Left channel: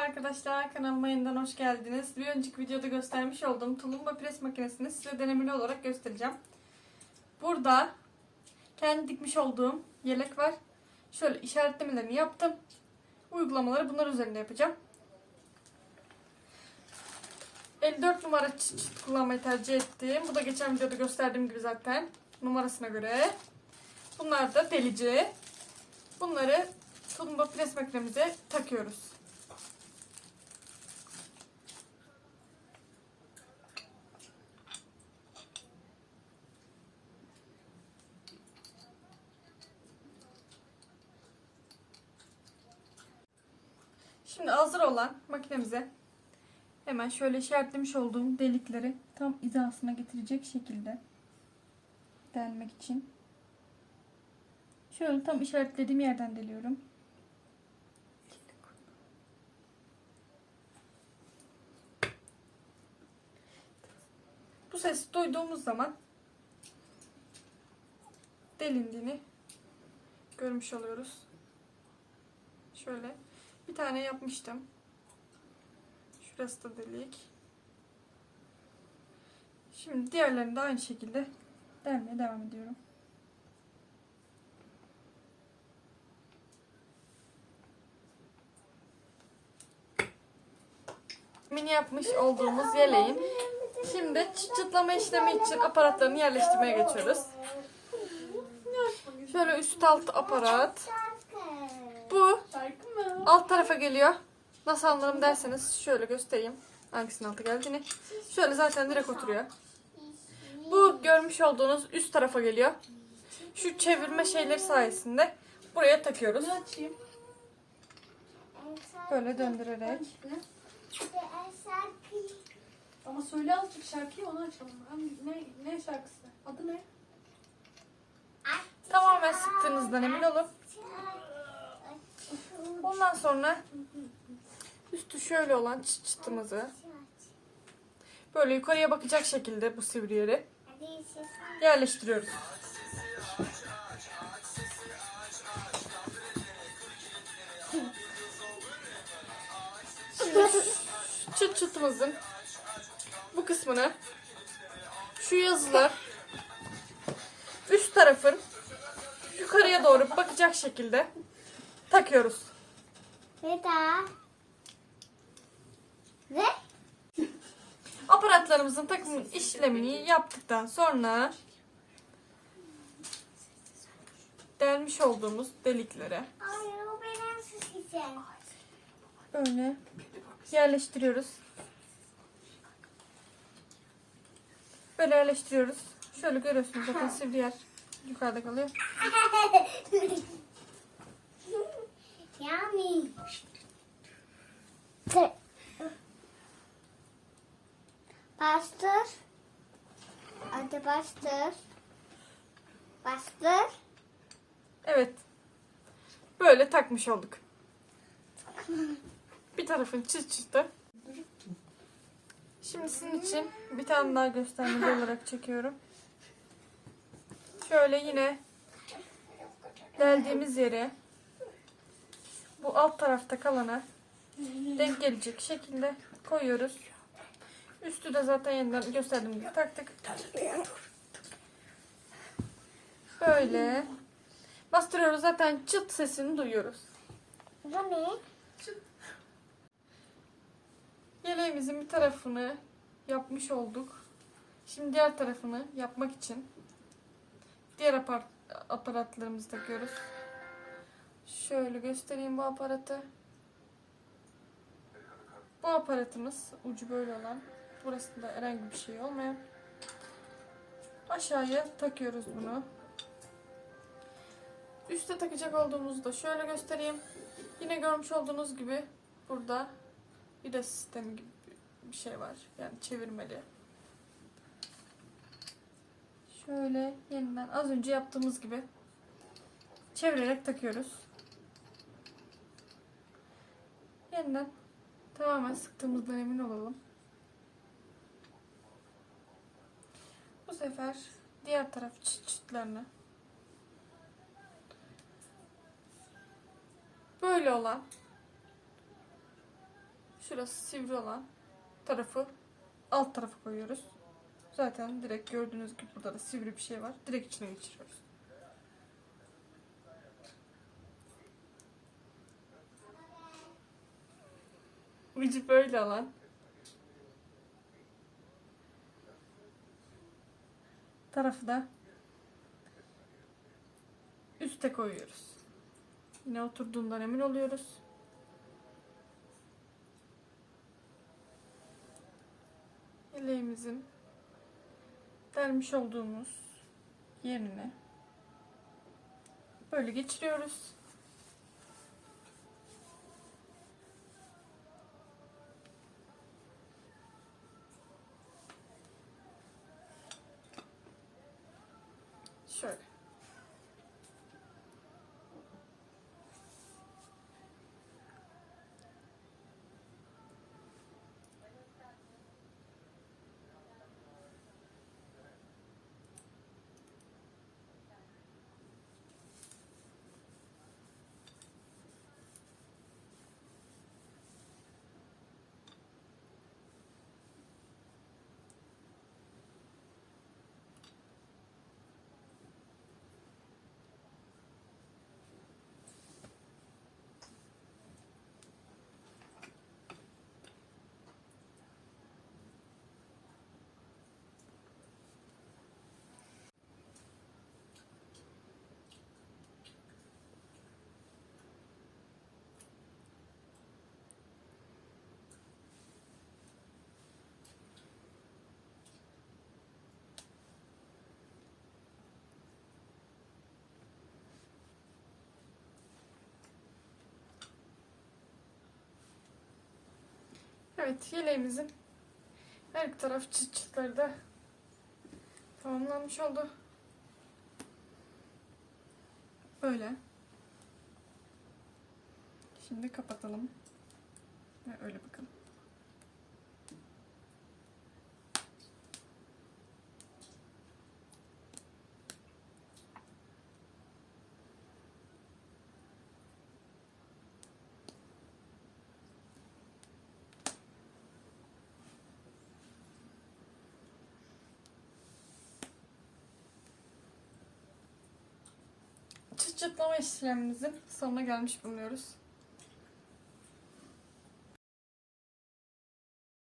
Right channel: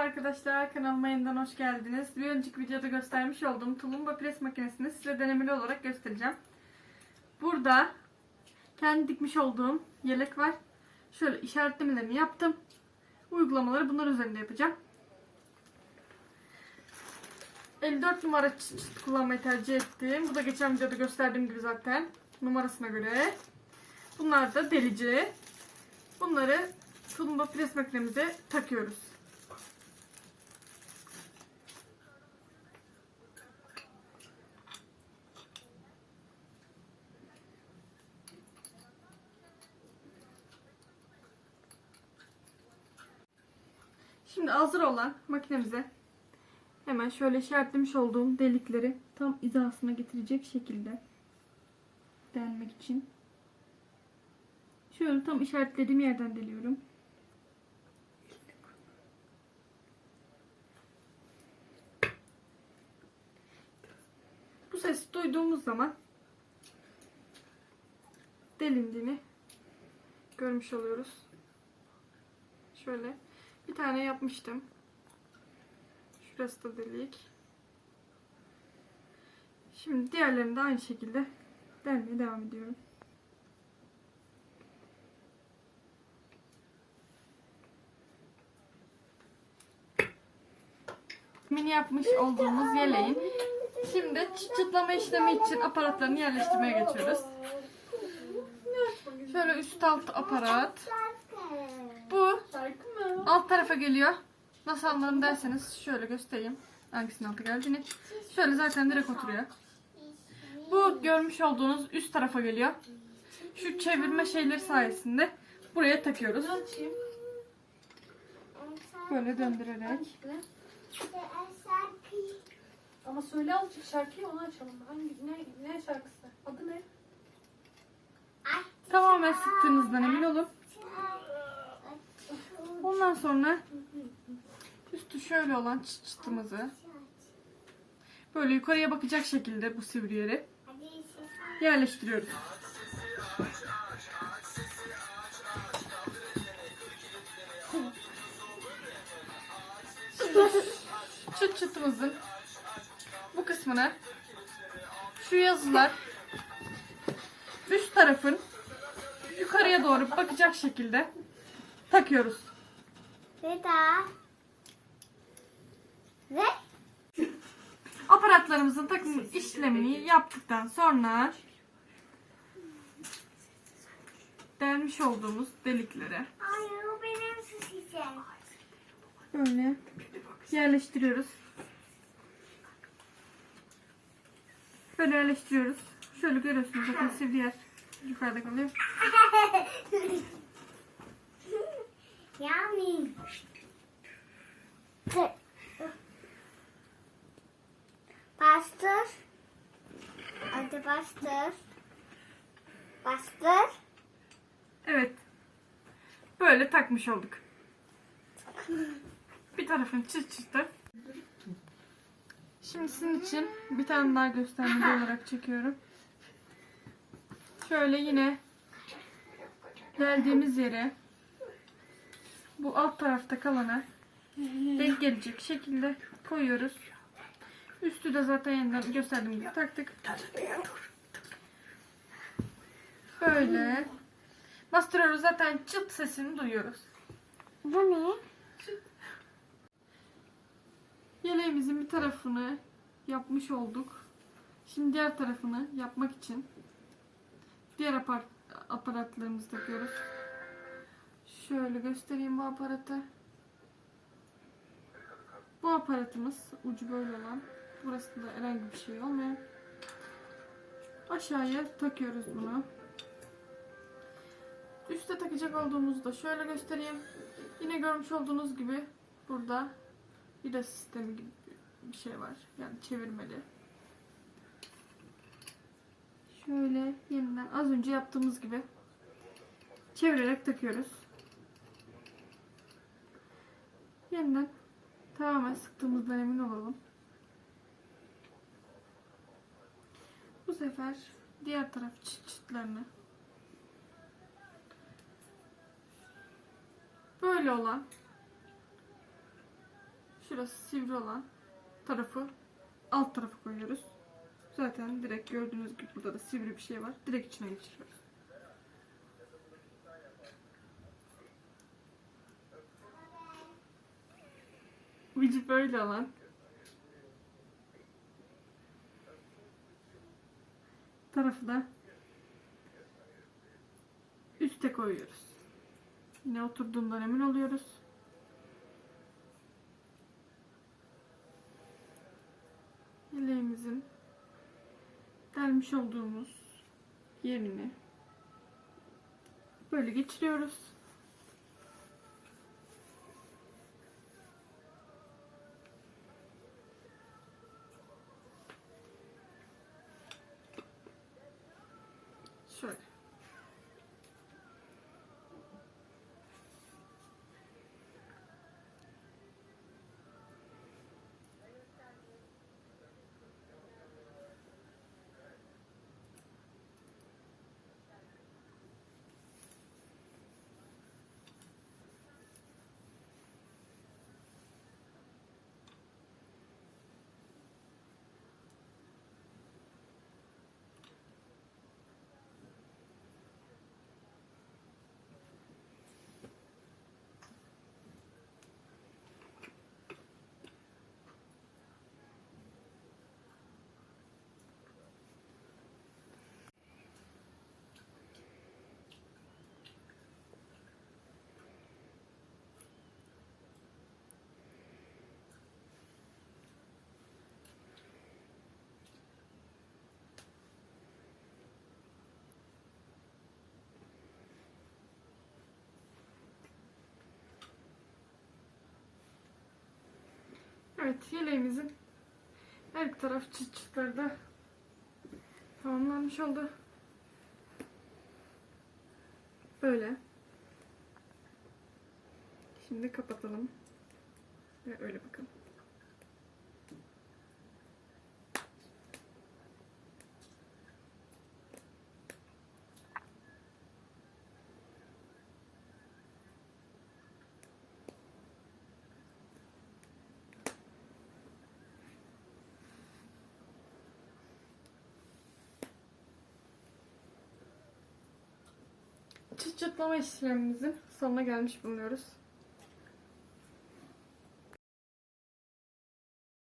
arkadaşlar kanalıma yeniden hoş geldiniz. Bir önceki videoda göstermiş olduğum tulumba pres makinesini size denemeli olarak göstereceğim. Burada kendi dikmiş olduğum yelek var. Şöyle işaretlemelerini yaptım. Uygulamaları bunlar üzerinde yapacağım. 54 numara çıt çıt kullanmayı tercih ettim. Bu da geçen videoda gösterdiğim gibi zaten numarasına göre. Bunlar da delici. Bunları tulumba pres makinemize takıyoruz. Şimdi hazır olan makinemize hemen şöyle işaretlemiş olduğum delikleri tam hizasına getirecek şekilde delmek için şöyle tam işaretlediğim yerden deliyorum. Bu sesi duyduğumuz zaman delindiğini görmüş oluyoruz. Şöyle bir tane yapmıştım. Şurası da delik. Şimdi diğerlerini de aynı şekilde delmeye devam ediyorum. Mini yapmış olduğumuz yeleğin şimdi çıt çıtlama işlemi için aparatlarını yerleştirmeye geçiyoruz. Şöyle üst alt aparat. Bu alt tarafa geliyor. Nasıl anladım derseniz şöyle göstereyim. Hangisinin altı geldiğini. Şöyle zaten direkt oturuyor. Bu görmüş olduğunuz üst tarafa geliyor. Şu çevirme şeyleri sayesinde buraya takıyoruz. açayım? Böyle döndürerek. Ama söyle azıcık şarkıyı onu açalım. Hangi ne ne şarkısı? Adı ne? Tamamen sıktığınızdan emin olun. Ondan sonra üstü şöyle olan çıt çıtımızı böyle yukarıya bakacak şekilde bu sivri yeri yerleştiriyoruz. Çıt çıtımızın bu kısmını şu yazılar üst tarafın yukarıya doğru bakacak şekilde takıyoruz. Ve daha. Ve Aparatlarımızın takım işlemini yaptıktan sonra delmiş olduğumuz deliklere Hayır o benim süseceğim. böyle yerleştiriyoruz. Böyle yerleştiriyoruz. Şöyle görüyorsunuz zaten sivri yer yukarıda kalıyor. bastır. Bastır. Evet. Böyle takmış olduk. Bir tarafın çıt çıtı. Şimdi sizin için bir tane daha göstermeli olarak çekiyorum. Şöyle yine deldiğimiz yere bu alt tarafta kalana denk gelecek şekilde koyuyoruz. Üstü de zaten yeniden gösterdiğim gibi taktık. Böyle bastırıyoruz zaten çıt sesini duyuyoruz. Bu ne? Yeleğimizin bir tarafını yapmış olduk. Şimdi diğer tarafını yapmak için diğer apar aparatlarımızı takıyoruz. Şöyle göstereyim bu aparatı. Bu aparatımız ucu böyle olan. Burasında herhangi bir şey olmayan. Aşağıya takıyoruz bunu. Üste takacak olduğumuzu da şöyle göstereyim. Yine görmüş olduğunuz gibi burada vida sistemi gibi bir şey var. Yani çevirmeli. Şöyle yeniden az önce yaptığımız gibi çevirerek takıyoruz. Yeniden tamamen sıktığımızdan emin olalım. Bu sefer diğer taraf çıt çıtlarını böyle olan şurası sivri olan tarafı alt tarafa koyuyoruz. Zaten direkt gördüğünüz gibi burada da sivri bir şey var. Direkt içine geçiriyoruz. Ucu böyle alan. Tarafı da üste koyuyoruz. Yine oturduğundan emin oluyoruz. Yeleğimizin delmiş olduğumuz yerine böyle geçiriyoruz. Şöyle. Evet, yeleğimizin her taraf çıt çıtları da tamamlanmış oldu. Böyle. Şimdi kapatalım. Ve öyle bakın. Çıt çıtlama işlemimizin sonuna gelmiş bulunuyoruz.